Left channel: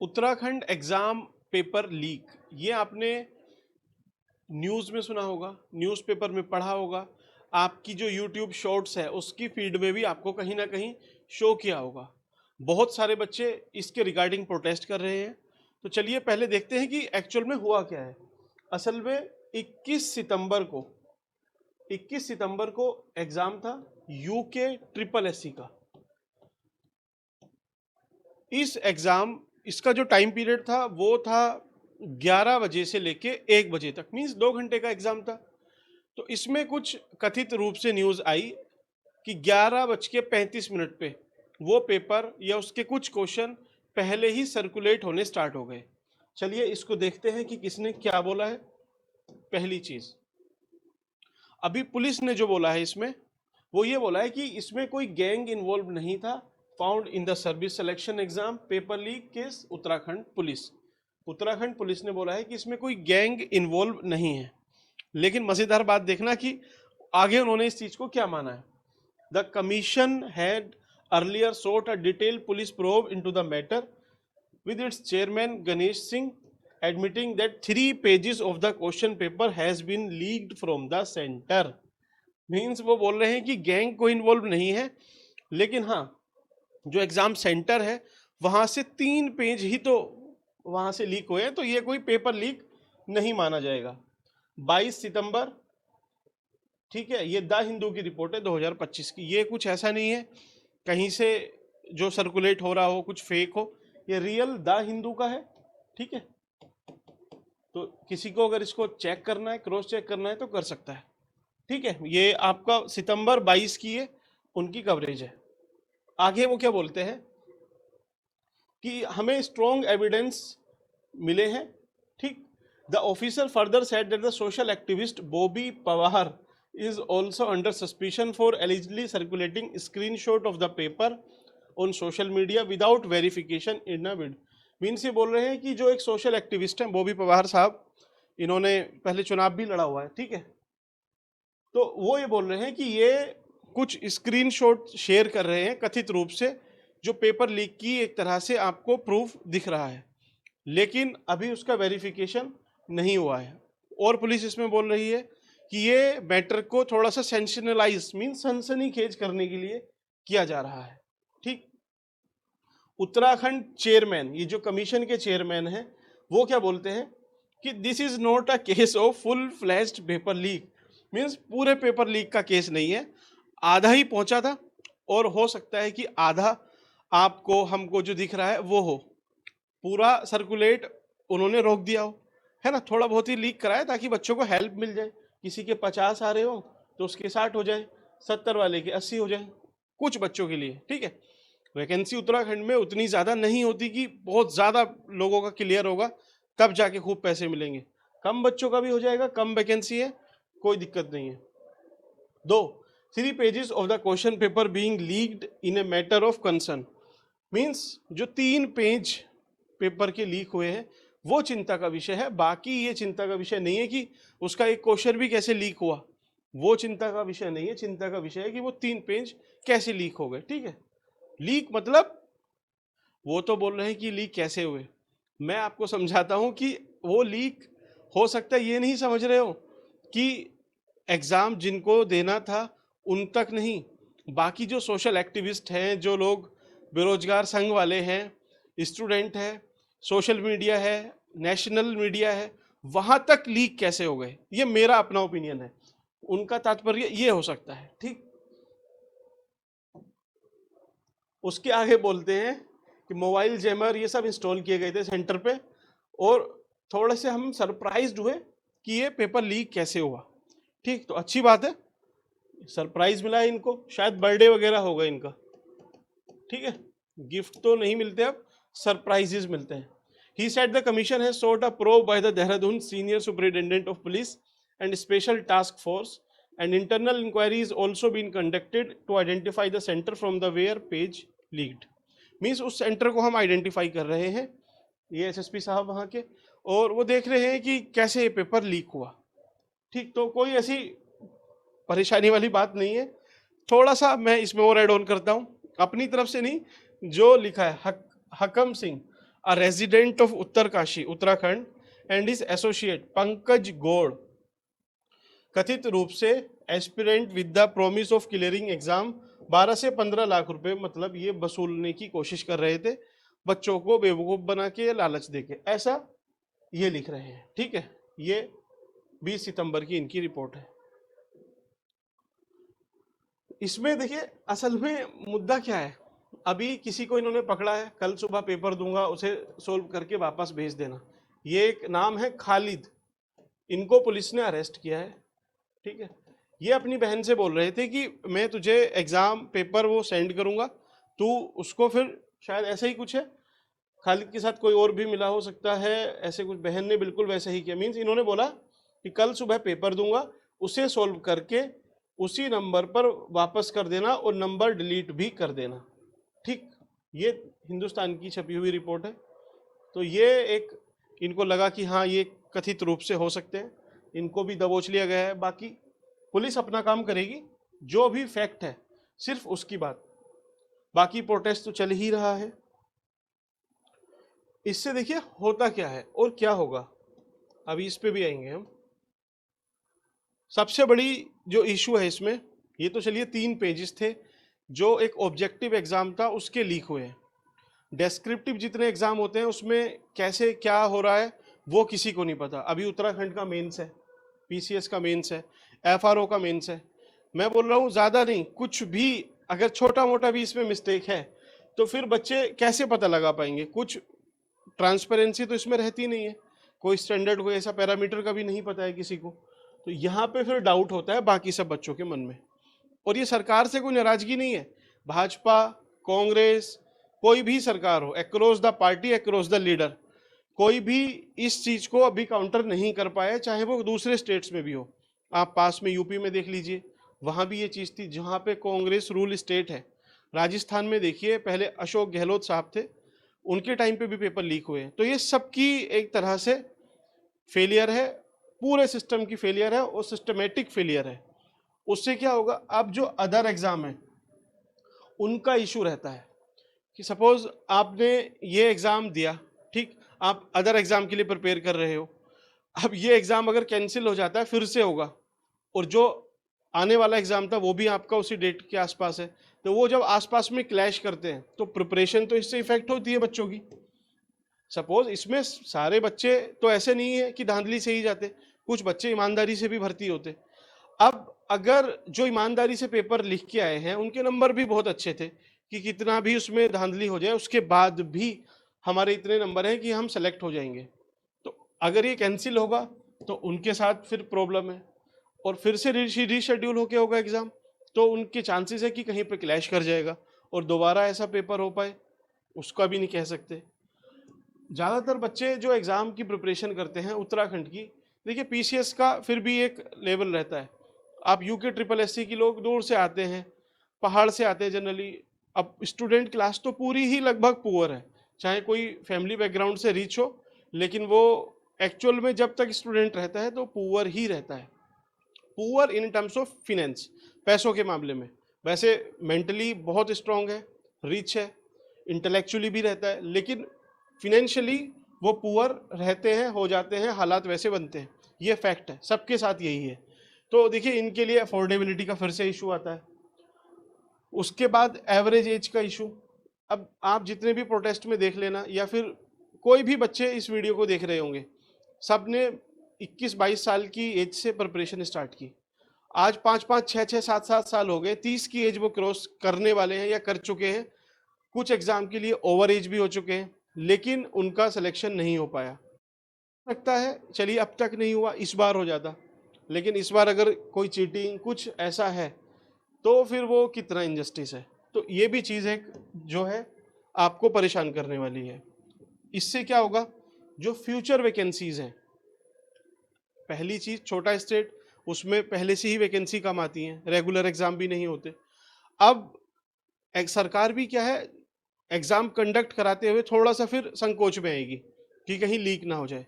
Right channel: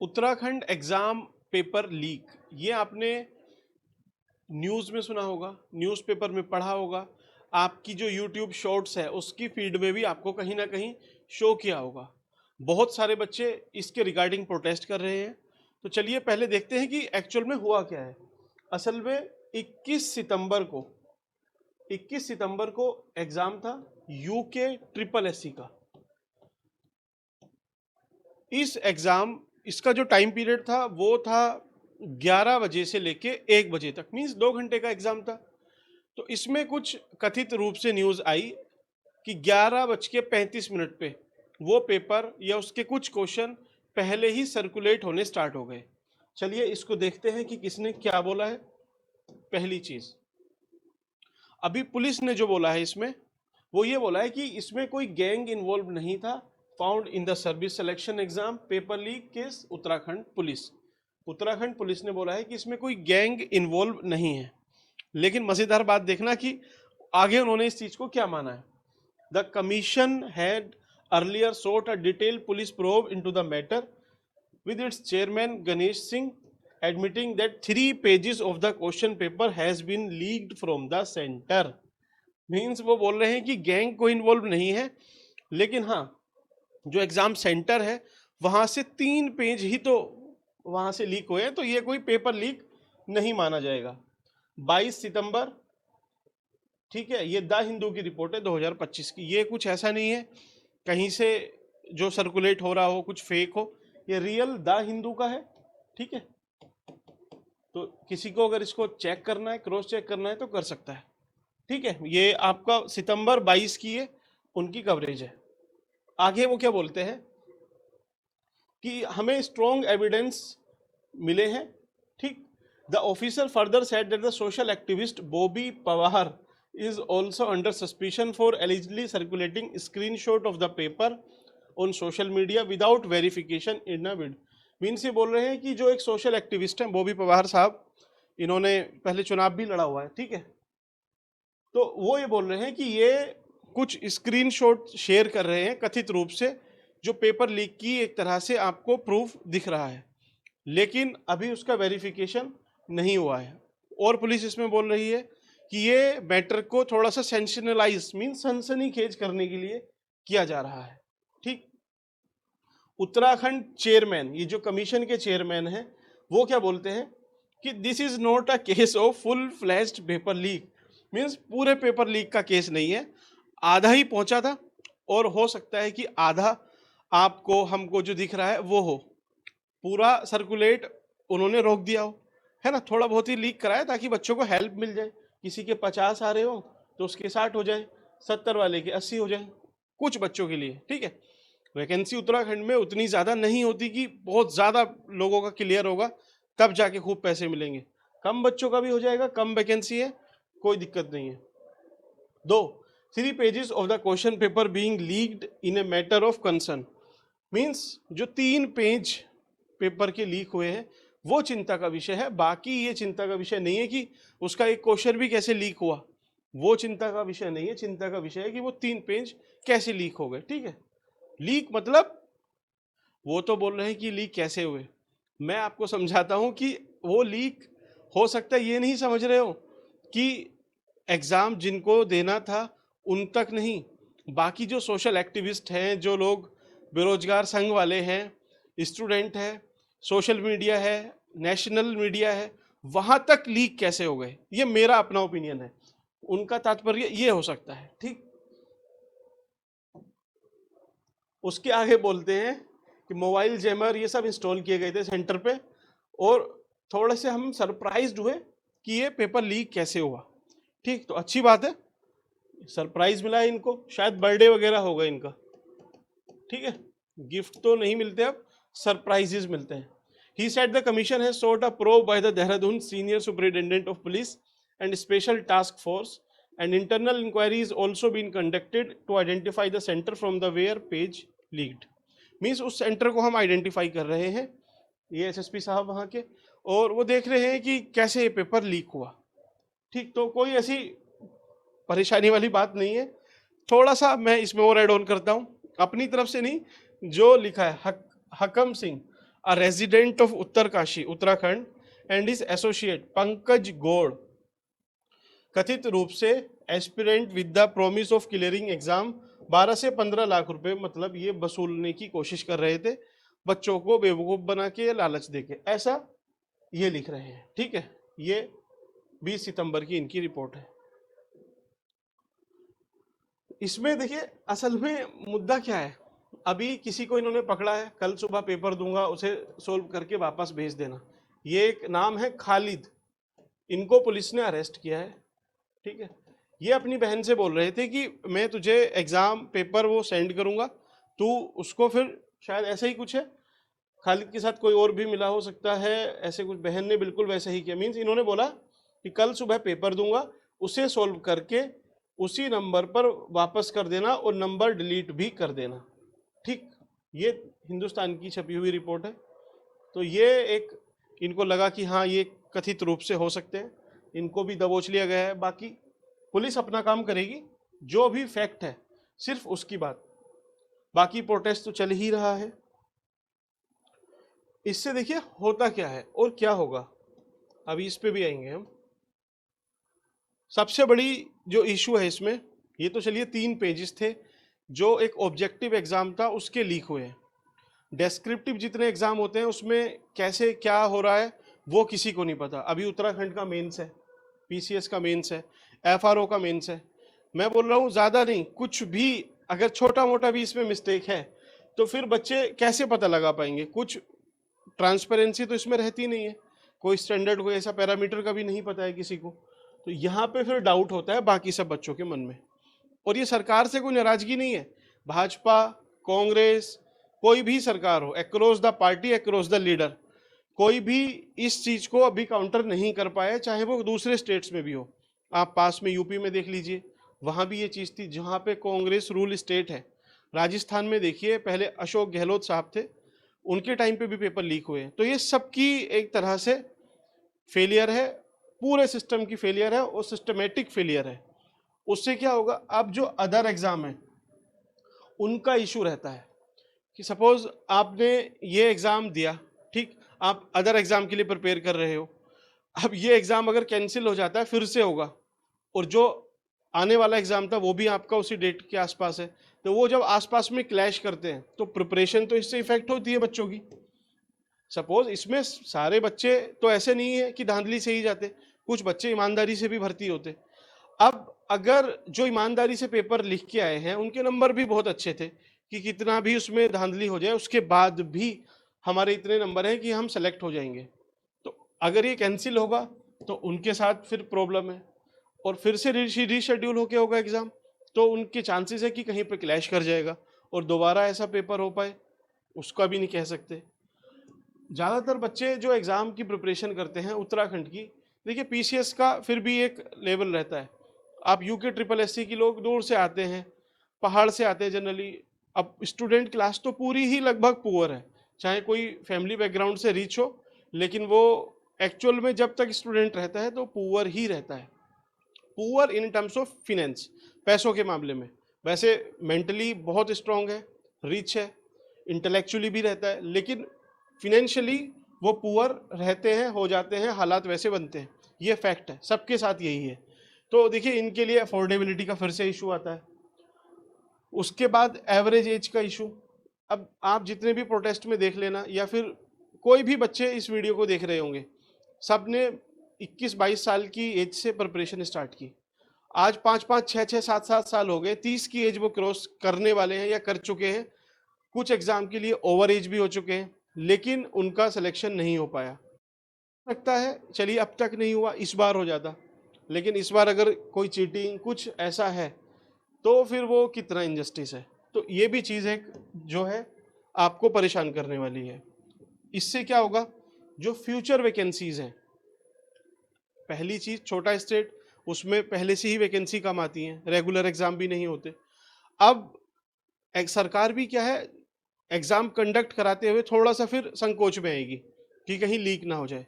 Uttarakhand exam paper leak, ये आपने news में सुना होगा, न्यूज़पेपर में पढ़ा होगा, आपकी जो यूट्यूब शॉर्ट्स है उसकी फीड में भी आपको कहीं ना कहीं शो किया होगा। बहुत सारे बच्चे इसके रिगार्डिंग प्रोटेस्ट कर रहे हैं। तो चलिए पहले देखते हैं कि एक्चुअल में हुआ क्या है। असल में 21 सितंबर को 21 सितंबर को एग्जाम था यूके ट्रिपल एससी का। इस एग्जाम इसका जो टाइम पीरियड था वो था 11 बजे से लेके 1 बजे तक, मीन्स 2 घंटे का एग्जाम था। तो इसमें कुछ कथित रूप से न्यूज़ आई कि 11:35 पे वो पेपर या उसके कुछ क्वेश्चन पहले ही सर्कुलेट होने स्टार्ट हो गए। चलिए इसको देखते हैं कि किसने क्या बोला है। पहली चीज, अभी पुलिस ने जो बोला है इसमें, वो ये बोला है कि इसमें कोई गैंग इन्वॉल्व नहीं था। Found in the service selection exam paper leak case Uttarakhand police. Uttarakhand police ने बोला है कि इसमें कोई गैंग इन्वॉल्व नहीं है। लेकिन मजेदार बात देखना कि आगे उन्होंने इस चीज को क्या माना है। The commission had earlier sought a detailed police probe into the matter, with its chairman Ganesh Singh admitting that 3 pages of the question paper has been leaked from the center. ठीक है, ये द हिंदू की report है 2025 की। ये कुछ ऐसा नहीं है कहीं से जो सर्कुलेट हो रहा हो कुछ फेक हो, ये रियल द हिंदू का है। ठीक है, तो किसी को अगर इसको चेक करना है, क्रॉस चेक करना है तो कर सकता है। ठीक है, ये आपका सितंबर 22 की है, उनकी कवरेज है। आगे वो क्या बोलते हैं कि हमें स्ट्रॉन्ग एविडेंस मिले हैं। ठीक, the officer further said that the social activist Bobby Pawar is also under suspicion for allegedly circulating screenshot of the paper on social media without verification in a bid। Means ये बोल रहे हैं कि जो एक सोशल एक्टिविस्ट हैं बॉबी पवार साहब, इन्होंने पहले चुनाव भी लड़ा हुआ है। ठीक है, तो वो ये बोल रहे हैं कि ये कुछ स्क्रीनशॉट शेयर कर रहे हैं कथित रूप से, जो पेपर लीक की एक तरह से आपको प्रूफ दिख रहा है, लेकिन अभी उसका वेरिफिकेशन नहीं हुआ है। और पुलिस इसमें बोल रही है कि ये मैटर को थोड़ा सा सेंसेशनलाइज मीन सनसनीखेज करने के लिए किया जा रहा है। उत्तराखंड चेयरमैन, ये जो कमीशन के चेयरमैन हैं, वो क्या बोलते हैं कि this is not a case of full flashed paper leak. Means पूरे पेपर लीक का केस नहीं है, आधा ही पहुंचा था और हो सकता है कि आधा आपको हमको जो दिख रहा है वो हो, पूरा सर्कुलेट उन्होंने रोक दिया हो, है ना। थोड़ा बहुत ही लीक कराया ताकि बच्चों को हेल्प मिल जाए, किसी के 50 आ रहे हो तो उसके 60 हो जाए, 70 वाले के 80 हो जाए, कुछ बच्चों के लिए। ठीक है, वैकेंसी उत्तराखंड में उतनी ज़्यादा नहीं होती कि बहुत ज़्यादा लोगों का क्लियर होगा तब जाके खूब पैसे मिलेंगे। कम बच्चों का भी हो जाएगा, कम वैकेंसी है, कोई दिक्कत नहीं है। 3 pages of the question paper being leaked in a matter of concern. Means जो 3 पेज पेपर के लीक हुए हैं वो चिंता का विषय है, बाकी ये चिंता का विषय नहीं है कि उसका एक क्वेश्चन भी कैसे लीक हुआ, वो चिंता का विषय नहीं है। चिंता का विषय है कि वो 3 पेज कैसे लीक हो गए। ठीक है, लीक मतलब वो तो बोल रहे हैं कि लीक कैसे हुए, मैं आपको समझाता हूं कि वो लीक हो सकता है ये नहीं समझ रहे हो कि एग्जाम जिनको देना था उन तक नहीं, बाकी जो सोशल एक्टिविस्ट हैं, जो लोग बेरोजगार संघ वाले हैं, स्टूडेंट है, सोशल मीडिया है, नेशनल मीडिया है, वहां तक लीक कैसे हो गए, ये मेरा अपना ओपिनियन है। उनका तात्पर्य ये हो सकता है। ठीक, उसके आगे बोलते हैं कि मोबाइल जैमर ये सब इंस्टॉल किए गए थे सेंटर पे, और थोड़े से हम सरप्राइज्ड हुए कि ये पेपर लीक कैसे हुआ। ठीक, तो अच्छी बात है, सरप्राइज मिला है इनको, शायद बर्थडे वगैरह होगा इनका। ठीक है, गिफ्ट तो नहीं मिलते, अब सरप्राइजेस मिलते हैं। He said the commission has sought a probe by the Dehradun senior superintendent of police and special task force, and internal inquiry is also been conducted to identify the center from the where page leaked। Means उस centre को हम identify कर रहे हैं, ये SSP साहब वहां के, और वो देख रहे हैं कि कैसे ये पेपर लीक हुआ। ठीक, तो कोई ऐसी परेशानी वाली बात नहीं है। थोड़ा सा मैं इसमें और एड ऑन करता हूं अपनी तरफ से नहीं, जो लिखा है हकम Singh, a resident of Uttarkashi, Uttarakhand, and his associate Pankaj Gode कथित रूप से aspirant with the promise of clearing exam 12 से 15 लाख रुपए मतलब ये वसूलने की कोशिश कर रहे थे, बच्चों को बेवकूफ बना के लालच देके, ऐसा ये लिख रहे हैं। ठीक है, ये 20 सितंबर की इनकी रिपोर्ट है। इसमें देखिए असल में मुद्दा क्या है, अभी किसी को इन्होंने पकड़ा है, कल सुबह पेपर दूंगा, उसे सोल्व करके वापस भेज देना। ये एक नाम है खालिद, इनको पुलिस ने अरेस्ट किया है। ठीक है, ये अपनी बहन से बोल रहे थे कि मैं तुझे एग्जाम पेपर वो सेंड करूंगा, तू उसको फिर, शायद ऐसा ही कुछ है, खालिद के साथ कोई और भी मिला हो सकता है, ऐसे कुछ। बहन ने बिल्कुल वैसे ही किया, मीन्स इन्होंने बोला कि कल सुबह पेपर दूंगा, उसे सोल्व करके उसी नंबर पर वापस कर देना और नंबर डिलीट भी कर देना। ठीक, ये हिंदुस्तान की छपी हुई रिपोर्ट है। तो ये एक इनको लगा कि हाँ ये कथित रूप से हो सकते हैं, इनको भी दबोच लिया गया है। बाकी पुलिस अपना काम करेगी, जो भी फैक्ट है सिर्फ उसकी बात। बाकी प्रोटेस्ट तो चल ही रहा है। इससे देखिए होता क्या है और क्या होगा, अभी इस पे भी आएंगे हम। सबसे बड़ी जो इशू है इसमें, ये तो चलिए 3 पेजेस थे, जो एक ऑब्जेक्टिव एग्जाम था उसके लीक हुए। डेस्क्रिप्टिव जितने एग्जाम होते हैं उसमें कैसे क्या हो रहा है वो किसी को नहीं पता। अभी उत्तराखंड का मेंस है, पीसीएस का मेंस है, एफआरओ का मेंस है। मैं बोल रहा हूँ ज्यादा नहीं, कुछ भी अगर छोटा मोटा भी इसमें मिस्टेक है तो फिर बच्चे कैसे पता लगा पाएंगे? कुछ ट्रांसपेरेंसी तो इसमें रहती नहीं है, कोई स्टैंडर्ड कोई ऐसा पैरामीटर का भी नहीं पता है किसी को। तो यहाँ पे फिर डाउट होता है बाकी सब बच्चों के मन में। और ये सरकार से कोई नाराजगी नहीं है, भाजपा, कांग्रेस, कोई भी सरकार हो, across the party, across the leader, कोई भी इस चीज को अभी काउंटर नहीं कर पाया, चाहे वो दूसरे स्टेट्स में भी हो। आप पास में यूपी में देख लीजिए, वहां भी ये चीज थी, जहां पे कांग्रेस रूल स्टेट है। राजस्थान में देखिए, पहले अशोक गहलोत साहब थे, उनके टाइम पे भी पेपर लीक हुए। तो ये सबकी एक तरह से फेलियर है, पूरे सिस्टम की फेलियर है और सिस्टमेटिक फेलियर है। उससे क्या होगा, अब जो अदर एग्जाम है उनका इशू रहता है कि सपोज आपने ये एग्जाम दिया, ठीक, आप अदर एग्जाम के लिए प्रिपेयर कर रहे हो, अब ये एग्जाम अगर कैंसिल हो जाता है फिर से होगा, और जो आने वाला एग्जाम था वो भी आपका उसी डेट के आसपास है, तो वो जब आसपास में क्लैश करते हैं तो प्रिपरेशन तो इससे इफेक्ट होती है बच्चों की। सपोज इसमें सारे बच्चे तो ऐसे नहीं है कि धांधली से ही जाते, कुछ बच्चे ईमानदारी से भी भर्ती होते। अब अगर जो ईमानदारी से पेपर लिख के आए हैं उनके नंबर भी बहुत अच्छे थे, कि कितना भी उसमें धांधली हो जाए उसके बाद भी हमारे इतने नंबर हैं कि हम सेलेक्ट हो जाएंगे, तो अगर ये कैंसिल होगा तो उनके साथ फिर प्रॉब्लम है, और फिर से रीशेड्यूल होके होगा एग्जाम, तो उनके चांसेस है कि कहीं पे क्लैश कर जाएगा और दोबारा ऐसा पेपर हो पाए, उसका भी नहीं कह सकते। ज़्यादातर बच्चे जो एग्ज़ाम की प्रिपरेशन करते हैं उत्तराखंड की, देखिए पीसीएस का फिर भी एक लेवल रहता है। आप यूके ट्रिपल एससी की लोग दूर से आते हैं, पहाड़ से आते हैं जनरली। अब स्टूडेंट क्लास तो पूरी ही लगभग पुअर है, चाहे कोई फैमिली बैकग्राउंड से रिच हो, लेकिन वो एक्चुअल में जब तक स्टूडेंट रहता है तो पुअर ही रहता है। Poor in terms of finance, पैसों के मामले में। वैसे मेंटली बहुत स्ट्रांग है, रिच है, इंटेलेक्चुअली भी रहता है, लेकिन फिनेंशियली वो पुअर रहते हैं, हो जाते हैं, हालात वैसे बनते हैं। ये फैक्ट है, सबके साथ यही है। तो देखिए इनके लिए अफोर्डेबिलिटी का फिर से इशू आता है। उसके बाद एवरेज एज का इशू। अब आप जितने भी प्रोटेस्ट में देख लेना, या फिर कोई भी बच्चे इस वीडियो को देख रहे होंगे, सब ने 21-22 साल की एज से प्रिपरेशन स्टार्ट की। आज 5-5, 6-6, 7-7 साल हो गए, 30 की एज वो क्रॉस करने वाले हैं या कर चुके हैं। कुछ एग्जाम के लिए ओवर एज भी हो चुके हैं, लेकिन उनका सिलेक्शन नहीं हो पाया। लगता है चलिए अब तक नहीं हुआ, इस बार हो जाता, लेकिन इस बार अगर कोई चीटिंग कुछ ऐसा है तो फिर वो कितना इनजस्टिस है। तो ये भी चीज़ है जो है आपको परेशान करने वाली है। इससे क्या होगा, जो फ्यूचर वैकेंसीज हैं, पहली चीज छोटा स्टेट, उसमें पहले से ही वैकेंसी कम आती हैं, रेगुलर एग्जाम भी नहीं होते। अब सरकार भी क्या है, एग्जाम कंडक्ट कराते हुए थोड़ा सा फिर संकोच में आएगी कि कहीं लीक ना हो जाए।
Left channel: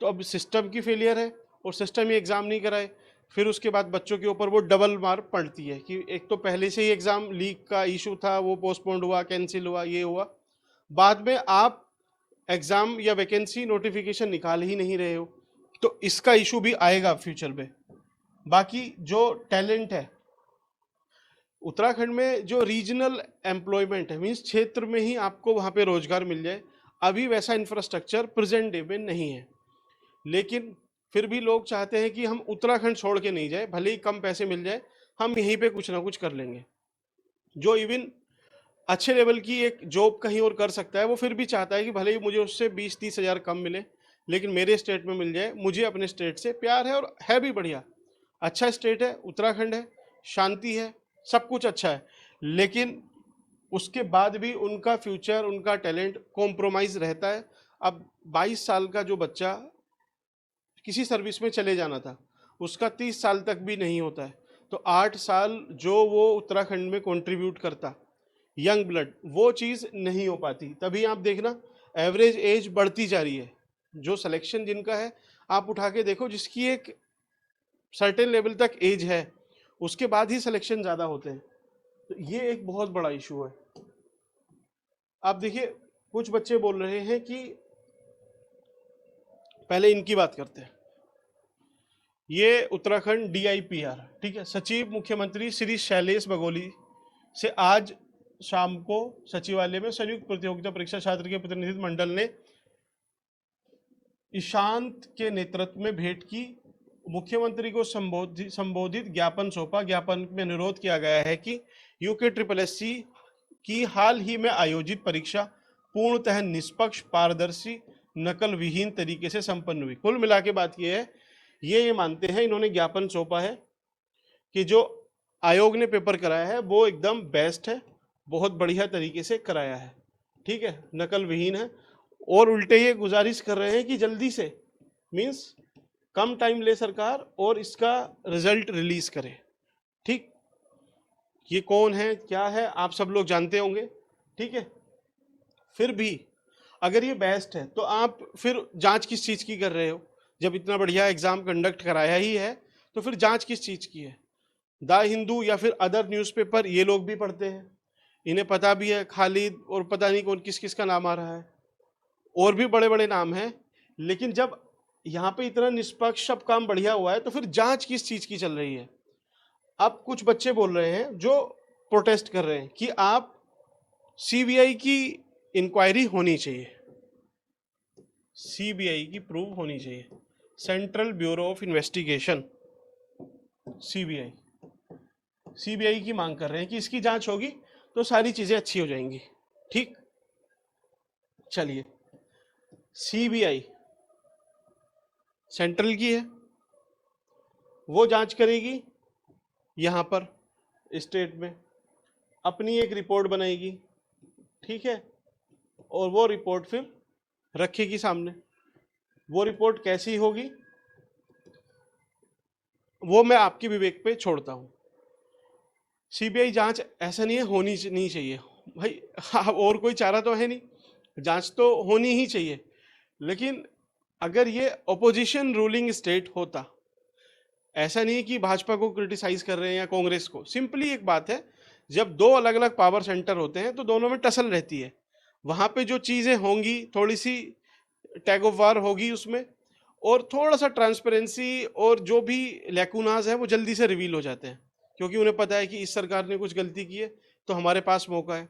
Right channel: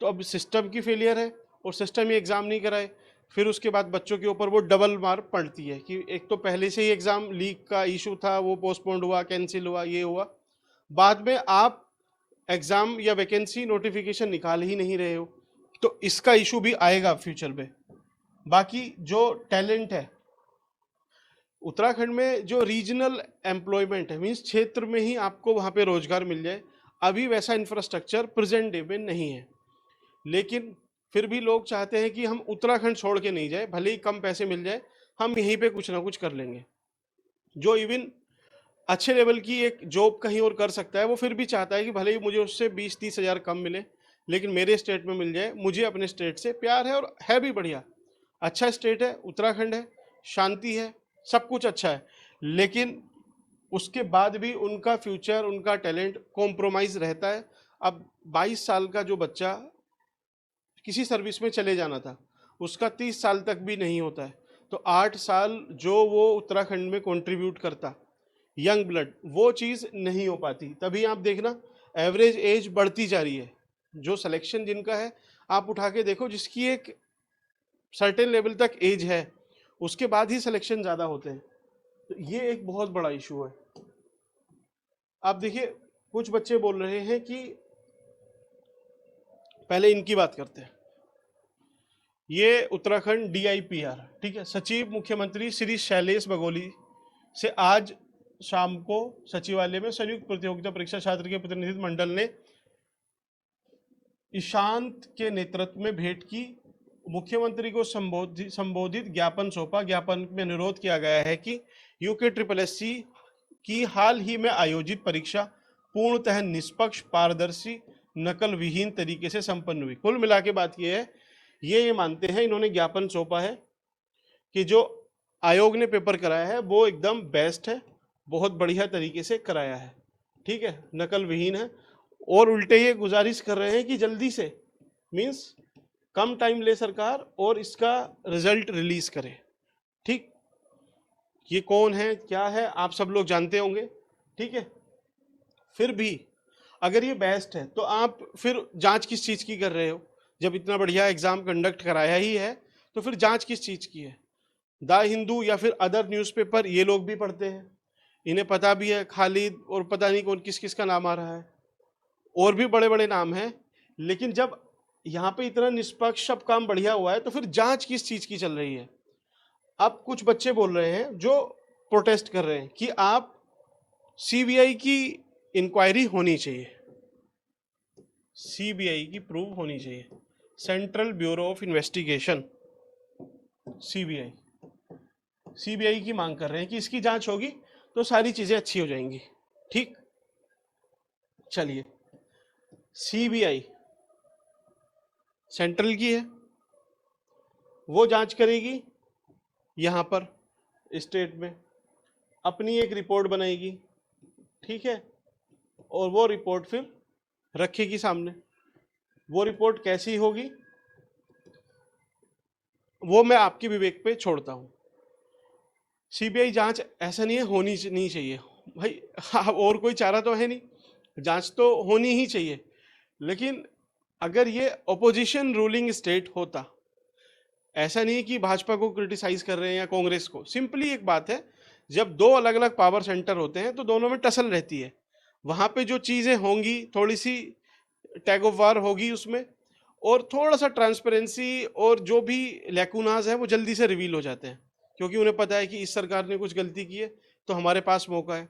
तो अब सिस्टम की फेलियर है और सिस्टम ही एग्जाम नहीं कराए, फिर उसके बाद बच्चों के ऊपर वो डबल मार पड़ती है कि एक तो पहले से ही एग्जाम लीक का इशू था, वो पोस्टपोन्ड हुआ, कैंसिल हुआ, ये हुआ, बाद में आप एग्जाम या वैकेंसी नोटिफिकेशन निकाल ही नहीं रहे हो, तो इसका इशू भी आएगा फ्यूचर में। बाकी जो टैलेंट है उत्तराखंड में, जो रीजनल एम्प्लॉयमेंट है, मीन्स क्षेत्र में ही आपको वहाँ पे रोजगार मिल जाए, अभी वैसा इंफ्रास्ट्रक्चर प्रेजेंट डे में नहीं है। लेकिन फिर भी लोग चाहते हैं कि हम उत्तराखंड छोड़ के नहीं जाए, भले ही कम पैसे मिल जाए, हम यहीं पे कुछ ना कुछ कर लेंगे। जो इवन अच्छे लेवल की एक जॉब कहीं और कर सकता है, वो फिर भी चाहता है कि भले ही मुझे उससे 20-30 हज़ार कम मिले, लेकिन मेरे स्टेट में मिल जाए। मुझे अपने स्टेट से प्यार है, और है भी बढ़िया, अच्छा स्टेट है, उत्तराखंड है, शांति है, सब कुछ अच्छा है। लेकिन उसके बाद भी उनका फ्यूचर, उनका टैलेंट कॉम्प्रोमाइज रहता है। अब 22 साल का जो बच्चा किसी सर्विस में चले जाना था, उसका 30 साल तक भी नहीं होता है, तो 8 साल जो वो उत्तराखंड में कंट्रीब्यूट करता, यंग ब्लड, वो चीज़ नहीं हो पाती। तभी आप देखना एवरेज एज बढ़ती जा रही है। जो सिलेक्शन जिनका है, आप उठा के देखो, जिसकी एक सर्टेन लेवल तक एज है, उसके बाद ही सिलेक्शन ज़्यादा होते हैं। तो ये एक बहुत बड़ा इशू है। आप देखिए, कुछ बच्चे बोल रहे हैं कि, पहले इनकी बात करते हैं। ये उत्तराखंड DIPR, ठीक है, सचिव मुख्यमंत्री श्री शैलेश बगोली से आज शाम को सचिवालय में संयुक्त प्रतियोगिता परीक्षा छात्र के प्रतिनिधि मंडल ने ईशांत के नेतृत्व में भेंट की, मुख्यमंत्री को संबोधित ज्ञापन सौंपा। ज्ञापन में अनुरोध किया गया है कि UKSSC की हाल ही में आयोजित परीक्षा पूर्णतः निष्पक्ष, पारदर्शी, नकल विहीन तरीके से संपन्न हुई। कुल मिला के बात यह है, ये मानते हैं, इन्होंने ज्ञापन सौंपा है कि जो आयोग ने पेपर कराया है वो एकदम बेस्ट है, बहुत बढ़िया तरीके से कराया है, ठीक है, नकल विहीन है। और उल्टे ये गुजारिश कर रहे हैं कि जल्दी से, मीन्स कम टाइम ले सरकार और इसका रिजल्ट रिलीज करे। ठीक, ये कौन है, क्या है, आप सब लोग जानते होंगे, ठीक है। फिर भी अगर ये बेस्ट है, तो आप फिर जांच किस चीज़ की कर रहे हो? जब इतना बढ़िया एग्जाम कंडक्ट कराया ही है, तो फिर जांच किस चीज़ की है? द हिंदू या फिर अदर न्यूज़पेपर ये लोग भी पढ़ते हैं, इन्हें पता भी है, खालिद और पता नहीं कौन किस किस का नाम आ रहा है, और भी बड़े बड़े नाम हैं। लेकिन जब यहाँ पे इतना निष्पक्ष सब काम बढ़िया हुआ है, तो फिर जांच किस चीज़ की चल रही है? अब कुछ बच्चे बोल रहे हैं, जो प्रोटेस्ट कर रहे हैं, कि आप CBI की इंक्वायरी होनी चाहिए, CBI की प्रूव होनी चाहिए, central bureau of investigation, CBI की मांग कर रहे हैं कि इसकी जांच होगी तो सारी चीजें अच्छी हो जाएंगी। ठीक, चलिए, CBI सेंट्रल की है, वो जांच करेगी, यहाँ पर स्टेट में अपनी एक रिपोर्ट बनाएगी, ठीक है, और वो रिपोर्ट फिर रखेगी सामने। वो रिपोर्ट कैसी होगी वो मैं आपके विवेक पे छोड़ता हूँ। CBI जांच ऐसा नहीं है, होनी नहीं चाहिए भाई, और कोई चारा तो है नहीं, जांच तो होनी ही चाहिए। लेकिन अगर ये ऑपोजिशन रूलिंग स्टेट होता, ऐसा नहीं कि भाजपा को क्रिटिसाइज कर रहे हैं या कांग्रेस को, सिंपली एक बात है, जब दो अलग अलग पावर सेंटर होते हैं तो दोनों में टसल रहती है, वहां पे जो चीजें होंगी, थोड़ी सी टैग ऑफ वार होगी उसमें, और थोड़ा सा ट्रांसपेरेंसी, और जो भी लैकुनाज है वो जल्दी से रिवील हो जाते हैं, क्योंकि उन्हें पता है कि इस सरकार ने कुछ गलती की है तो हमारे पास मौका है,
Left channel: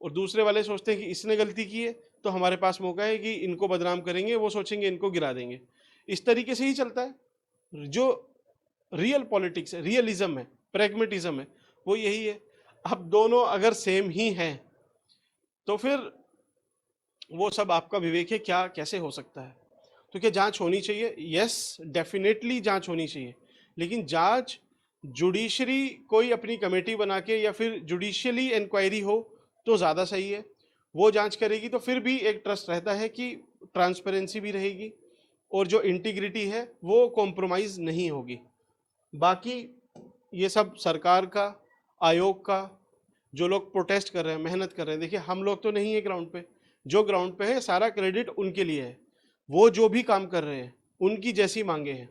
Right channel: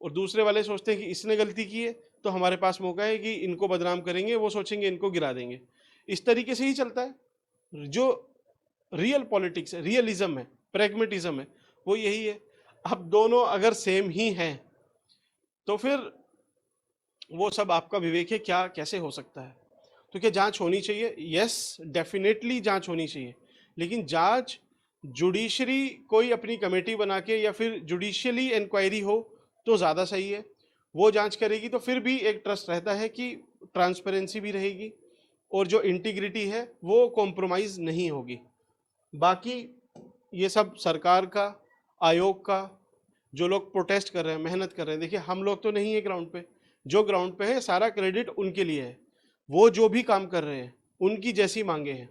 और दूसरे वाले सोचते हैं कि इसने गलती की है तो हमारे पास मौका है कि इनको बदनाम करेंगे, वो सोचेंगे इनको गिरा देंगे। इस तरीके से ही चलता है। जो रियल पॉलिटिक्स है, रियलिज्म है, प्रैग्मेटिज्म है, वो यही है। अब दोनों अगर सेम ही हैं, तो फिर वो सब आपका विवेक है, क्या कैसे हो सकता है? तो क्या जांच होनी चाहिए? यस, डेफिनेटली जांच होनी चाहिए, लेकिन जांच जुडिशरी कोई अपनी कमेटी बना के या फिर जुडिशियली इंक्वायरी हो तो ज़्यादा सही है। वो जांच करेगी तो फिर भी एक ट्रस्ट रहता है कि ट्रांसपेरेंसी भी रहेगी, और जो इंटीग्रिटी है वो कॉम्प्रोमाइज़ नहीं होगी। बाकी ये सब सरकार का, आयोग का, जो लोग प्रोटेस्ट कर रहे हैं, मेहनत कर रहे हैं, देखिए हम लोग तो नहीं है ग्राउंड पे, जो ग्राउंड पे है सारा क्रेडिट उनके लिए है। वो जो भी काम कर रहे हैं उनकी जैसी मांगे हैं,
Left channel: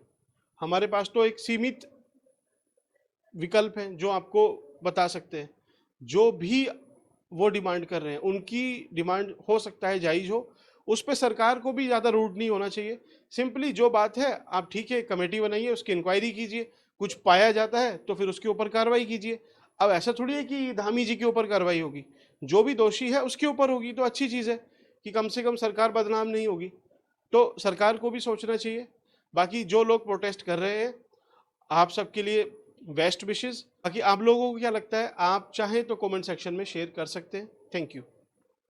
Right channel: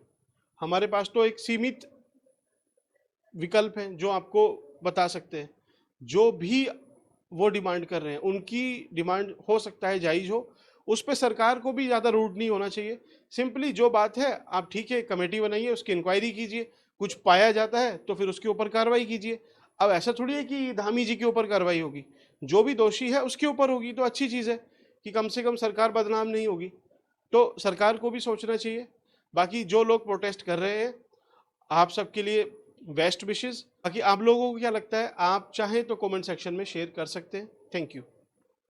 हमारे पास तो एक सीमित विकल्प है जो आपको बता सकते हैं। जो भी वो डिमांड कर रहे हैं, उनकी डिमांड हो सकता है जायज़ हो, उस पे सरकार को भी ज़्यादा रूड नहीं होना चाहिए। सिंपली जो बात है, आप ठीक है कमेटी बनाइए, उसकी इंक्वायरी कीजिए, कुछ पाया जाता है तो फिर उसके ऊपर कार्रवाई कीजिए। अब ऐसा थोड़ी है कि धामी जी के ऊपर कार्रवाई होगी, जो भी दोषी है उसके ऊपर होगी, तो अच्छी चीज़ है कि कम से कम सरकार बदनाम नहीं होगी। तो सरकार को भी सोचना चाहिए। बाकी जो लोग प्रोटेस्ट कर रहे हैं, आप सबके लिए बेस्ट विशेस। बाकी आप लोगों को क्या लगता है, आप चाहें तो कमेंट सेक्शन में शेयर कर सकते हैं। Thank you.